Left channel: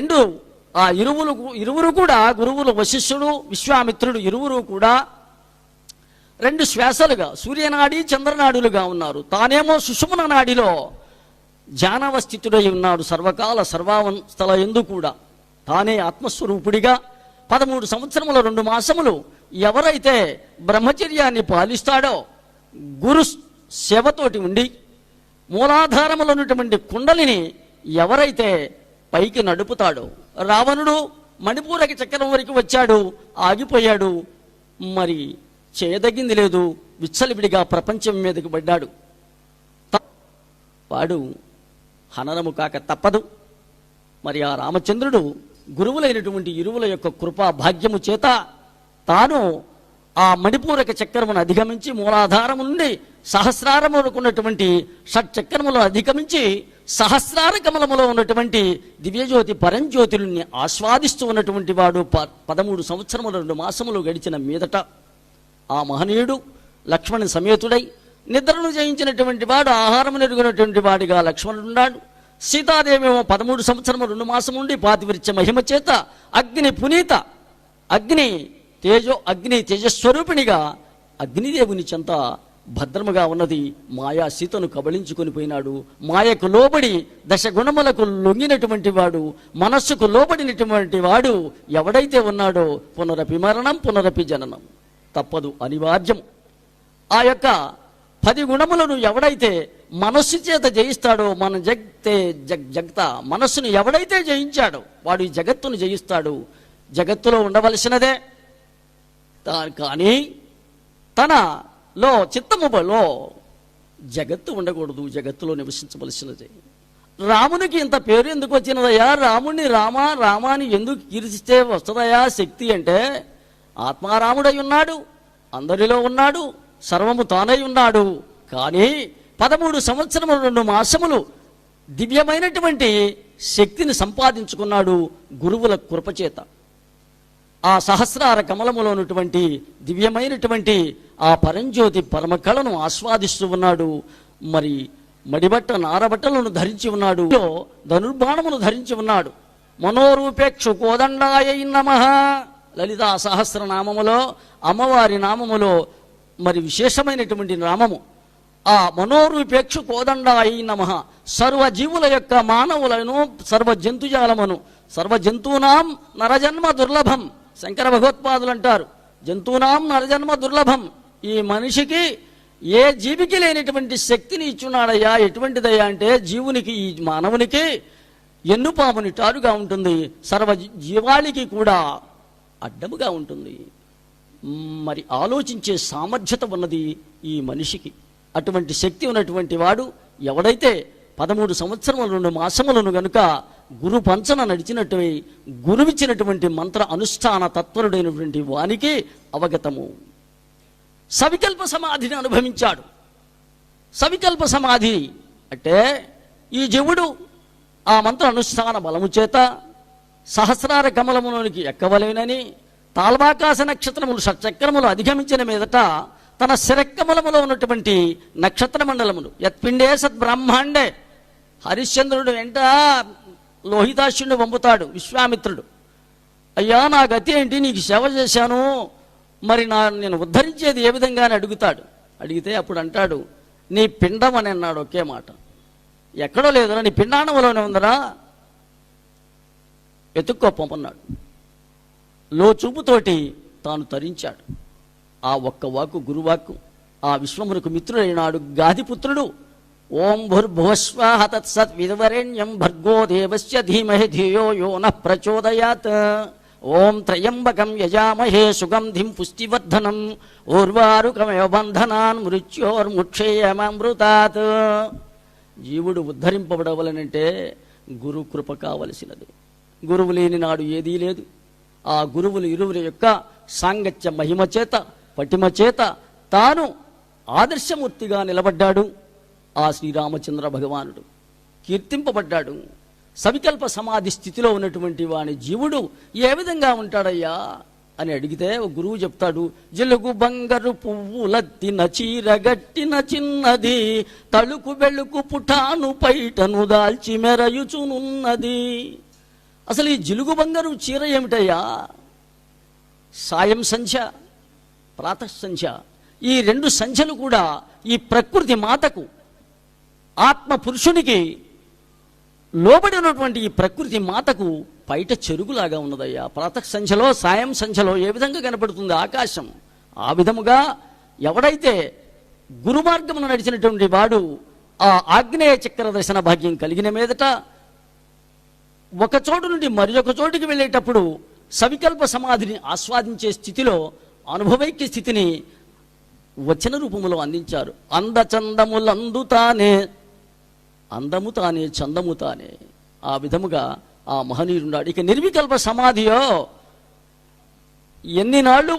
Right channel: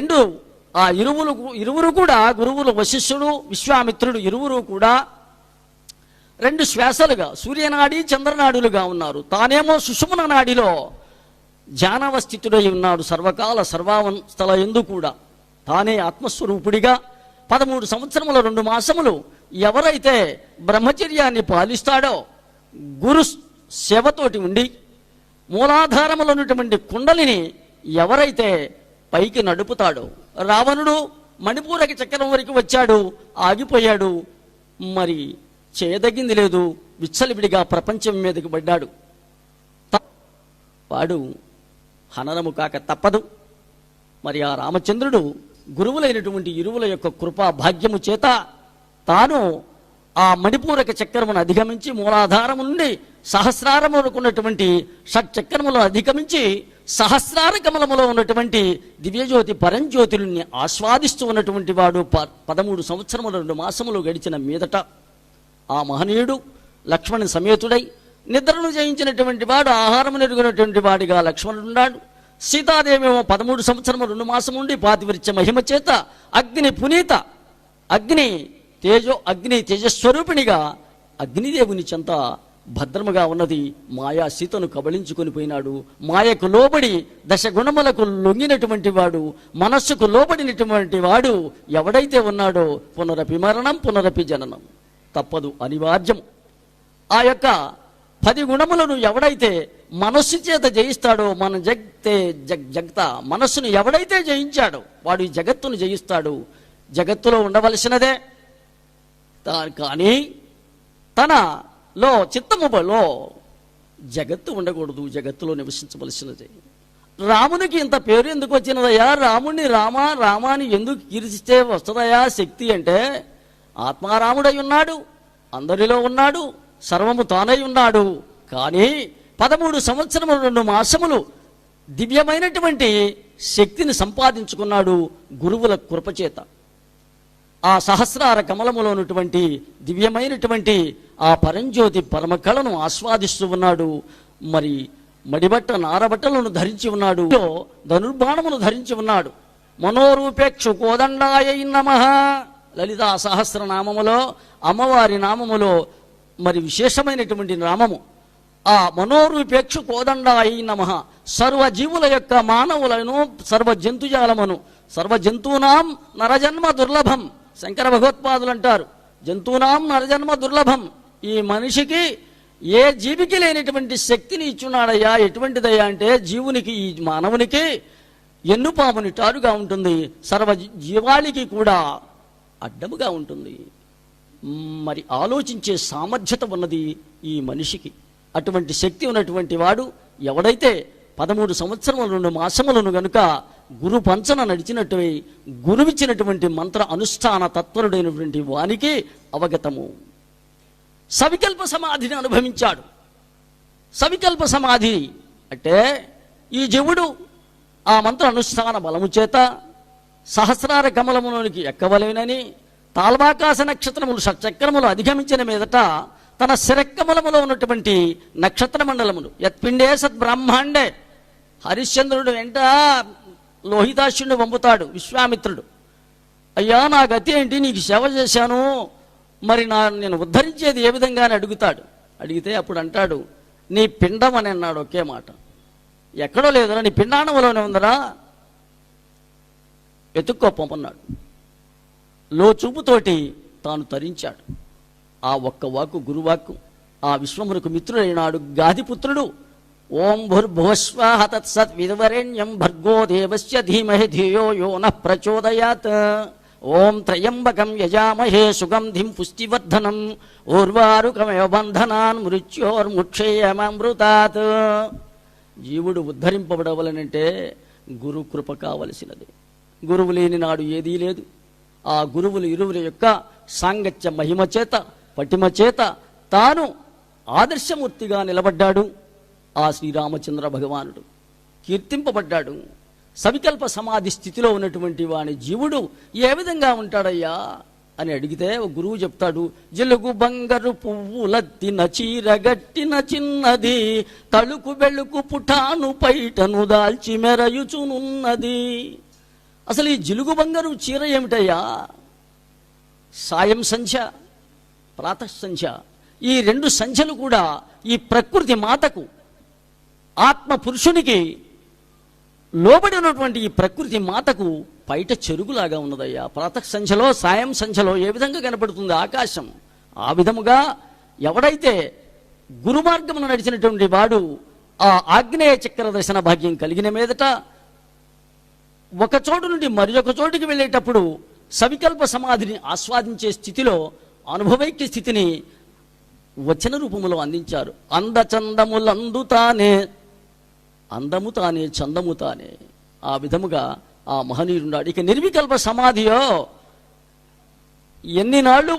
రెండు ఆ ఇరువురు కూడా గురువులు వశిష్ఠుడు విశ్వామిత్రుడు ఇరువురు కూడా రెండు శ్వాసలుగా సూర్యనాడి చంద్రనాడులుగా ఉన్నారు. తానేమో సుషుమ్న నాడిలో ధ్యానావస్థితుడై ఉన్నాడు. సర్వకాల సర్వావస్థల యందు కూడా తానే ఆత్మస్వరూపుడిగా 13 సంవత్సరములు 2 మాసములు ఎవరైతే బ్రహ్మచర్యాన్ని పాలిస్తాడో, గురు సేవతోటి ఉండి మూలాధారములో ఉన్నటువంటి కుండలిని ఎవరైతే పైకి నడుపుతాడో, రావణుడు మణిపూరకి చక్రం వరకు వచ్చాడు, ఆగిపోయాడు, మరి చేయదగింది లేదు, విచ్చలవిడిగా ప్రపంచం మీదకి పడ్డాడు. వాడు హననము కాక తప్పదు. మరి ఆ రామచంద్రుడు గురువులైనటువంటి ఇరువుల యొక్క కృపా భాగ్యము చేత తాను ఆ మణిపూరక చక్రమును అధిగమించి మూలాధారము నుండి సహస్రారములకున్నటువంటి షట్చక్రములను అధిగమించి సహస్రార కమలములో ఉన్నటువంటి దివ్యజ్యోతి పరంజ్యోతుల్ని ఆస్వాదిస్తూ ఉన్నటువంటి వాడు 13 సంవత్సరములు 2 మాసములు గడిచిన మీదట ఆ మహనీయుడు లక్ష్మణ సమేతుడై నిద్రను జయించినటువంటి వాడు, ఆహారము నెరుగునటువంటి వాడిగా లక్ష్మణుడున్నాడు. సీతాదేవేమో 13 సంవత్సరము 2 మాసం ఉండి పాతివృత్య మహిమ చేత అగ్ని పునీత అగ్ని తేజస్వరూపిణిగా అగ్నిదేవుని చెంత భద్రముగా ఉన్నది. మాయా సీతను కబళించుకొని పోయినాడు. మాయకు లోబడి దశగుణములకు లొంగినటువంటి వాడు, మనస్సుకు లోబడినటువంటి వాడు ఎవడైతే ఉన్నాడో పునరపి మరణం పునరపి జననం తప్పదు, అనివార్యం. ఆ యొక్క 10 గుణములను ఎవడైతే మనస్సు చేత జయిస్తాడో, మన జగత మనస్సును ఎవడైతే జయించాడో వాడు ఈ జగత్తును జయిస్తాడు. జగత్తులో ఉండవలసినదే, కానీ తనలో చిత్తములో జగత్తు ఉండకూడదు, జగత్తులో నివసించవలసినదే. రామునికి ఇంత పేరు ఎందుకు వచ్చినదయ్యా? రాముణ్ణి రామాని ఎందుకు కీర్తిస్తే వస్తుందయా శక్తి అంటే, ఆత్మారాముడై ఉన్నాడు, అందరిలో ఉన్నాడు, సర్వము తానై ఉన్నాడు. కానీ 13 సంవత్సరములు 2 మాసములు దివ్యమైనటువంటి శక్తిని సంపాదించుకున్నాడు గురువుల కృపచేత. ఆ సహస్రార కమలములో ఉన్నటువంటి దివ్యమైనటువంటి ఆ పరంజ్యోతి పరమ కళను ఆస్వాదిస్తూ ఉన్నాడు. మరి మడిబట్ట నారబట్టలను ధరించి ఉన్నాడు, ధనుర్బాణమును ధరించి ఉన్నాడు. మనోరూపేక్షు కోదండాయ నమః లలితా సహస్రనామములో అమ్మవారి నామములో మరి విశేషమైనటువంటి నామము ఆ మనోరూపేక్షు కోదండాయి నమః. సర్వజీవుల యొక్క మానవులను సర్వ జంతుజాలమును సర్వజంతూనాం నరజన్మ దుర్లభం. శంకర భగవత్పాదులు అంటారు, జంతూనాం నరజన్మ దుర్లభం. ఈ మనిషికి ఏ జీవికి లేనిటువంటి శక్తిని ఇచ్చున్నాడయ్యా. ఎటువంటిదయ్యా అంటే, జీవునికి ఈ మానవునికి ఎన్నుపాముని టారుగా ఉంటుంది, సర్వ జీవానికి కూడా అడ్డముగా ఉంటుంది. మరి ఆలోచించే సామర్థ్యత ఉన్నది ఈ మనిషికి. అటువంటి శక్తి ఉన్నటువంటి వాడు ఎవడైతే 13 సంవత్సరములు 2 మాసములను గనుక గురు పంచన నడిచినట్టు గురువిచ్చినటువంటి మంత్ర అనుష్ఠాన తత్పరుడైనటువంటి వానికి అవగతము. సవికల్ప సమాధిని అనుభవించాడు. సవికల్ప సమాధి అంటే ఈ జీవుడు ఆ మంత్ర అనుష్ఠాన బలము చేత సహస్రార కమలములోనికి ఎక్కవలేనని తాల్వాకాశ నక్షత్రములు షట్చక్రములు అధిగమించిన మీదట తన శిరకమలములో ఉన్నటువంటి నక్షత్ర మండలములు యత్పిండే సద్బ్రహ్మాండే. హరిశ్చంద్రుడు వెంట లోహితాశ్యుడిని పంపుతాడు విశ్వామిత్రుడు. అయ్యా నా గతి ఏంటి, నీకు సేవ చేశాను, మరి నేను ఉద్ధరించేది ఏ విధంగా అని అడుగుతాడు. అడిగితే అప్పుడు అంటాడు, నీ పిండం అని అన్నాడు ఒకే మాట. ఎక్కడో లేదురా, నీ పిండాణంలోనే ఉందరా, వెతుక్కో పంపన్నాడు. లోచూపుతోటి తాను తరించాడు. ఆ ఒక్క వాక్కు గురువాక్కు ఆ విశ్వమునకు మిత్రుడైనాడు గాదిపుత్రుడు. ఓం భూర్భువస్వాహ తత్సత్ విద్వరేణ్యం భర్గో దేవస్య ధీమహి ధియో యో నః ప్రచోదయాత్. ఓం త్రయంబకం యజామహే సుగంధిం పుష్టివర్ధనం ఊర్వారుకమేవ బంధనాన్ మృత్యోర్ముక్షేయమృతాత్. జీవుడు ఉద్ధరింపబడవలనంటే గురు కృప కావలసినది. గురువు లేని నాడు ఏదీ లేదు. ఆ గురువులు ఇరువురి యొక్క సాంగత్య మహిమ చేత పటిమ చేత తాను ఆదర్శమూర్తిగా నిలబడ్డాడు. ఆ శ్రీరామచంద్ర భగవానుడు కీర్తింపబడ్డాడు. సవికల్ప సమాధి స్థితిలో ఉన్నటువంటి వాని జీవుడు ఏ విధంగా ఉంటాడయ్యా అని అడిగితే గురువు చెప్తాడు, జలుగు బంగారు పువ్వులత్తిన చీరగట్టిన చిన్నది, తలుకు వెలుకు పుటాను పైటను దాల్చి మెరయుచునున్నది. అసలు ఈ జిలుగు బంగారు చీర ఏమిటయ్యా? సాయం సంధ్య, ప్రాతః సంధ్య, ఈ రెండు సంధ్యలు కూడా ఈ ప్రకృతి మాతకు, ఆత్మ పురుషునికి లోబడి ఉన్నటువంటి ఈ ప్రకృతి మాతకు బయట చెరుగులాగా ఉన్నదయ్యా. ప్రాతః సంధ్యలో, సాయం సంధ్యలో ఏ విధంగా కనపడుతుంది ఆకాశం, ఆ విధముగా ఎవడైతే గురుమార్గమును నడిచినటువంటి వాడు ఆ ఆగ్నేయ చక్ర దర్శన భాగ్యం కలిగిన మీదట ఒక చోటు నుండి మరి ఒక చోటికి వెళ్ళేటప్పుడు సవికల్ప సమాధిని ఆస్వాదించే స్థితిలో అనుభవైక్య స్థితిని వచన రూపములో అందించారు. అందచందములందు తానే, అందము తానే, చందము తానే. ఆ విధముగా ఆ మహనీయుడున్నాడు. ఇక నిర్వికల్ప సమాధియో ఎన్ని నాళ్ళు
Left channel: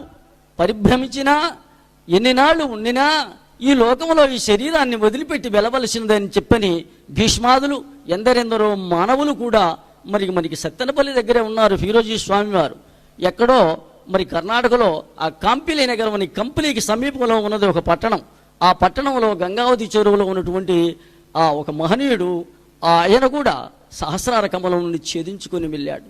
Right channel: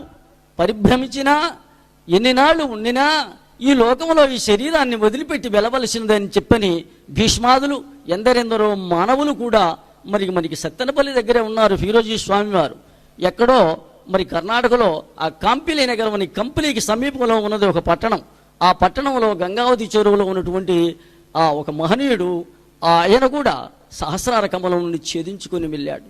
పరిభ్రమించినా, ఎన్ని నాళ్ళు ఉండినా ఈ లోకంలో ఈ శరీరాన్ని వదిలిపెట్టి వెళ్ళవలసిందని చెప్పని భీష్మాదులు, ఎందరెందరో మానవులు కూడా మనకి సత్తెనపల్లి దగ్గరే ఉన్నారు. ఫిరోజీ స్వామి వారు ఎక్కడో మరి కర్ణాటకలో ఆ కాంపిలి నగరం కంపెనీకి సమీపంలో ఉన్నది ఒక పట్టణం. ఆ పట్టణంలో గంగావతి చెరువులో ఉన్నటువంటి ఆ ఒక మహనీయుడు, ఆయన కూడా సహస్రార కమలం నుండి ఛేదించుకొని వెళ్ళాడు.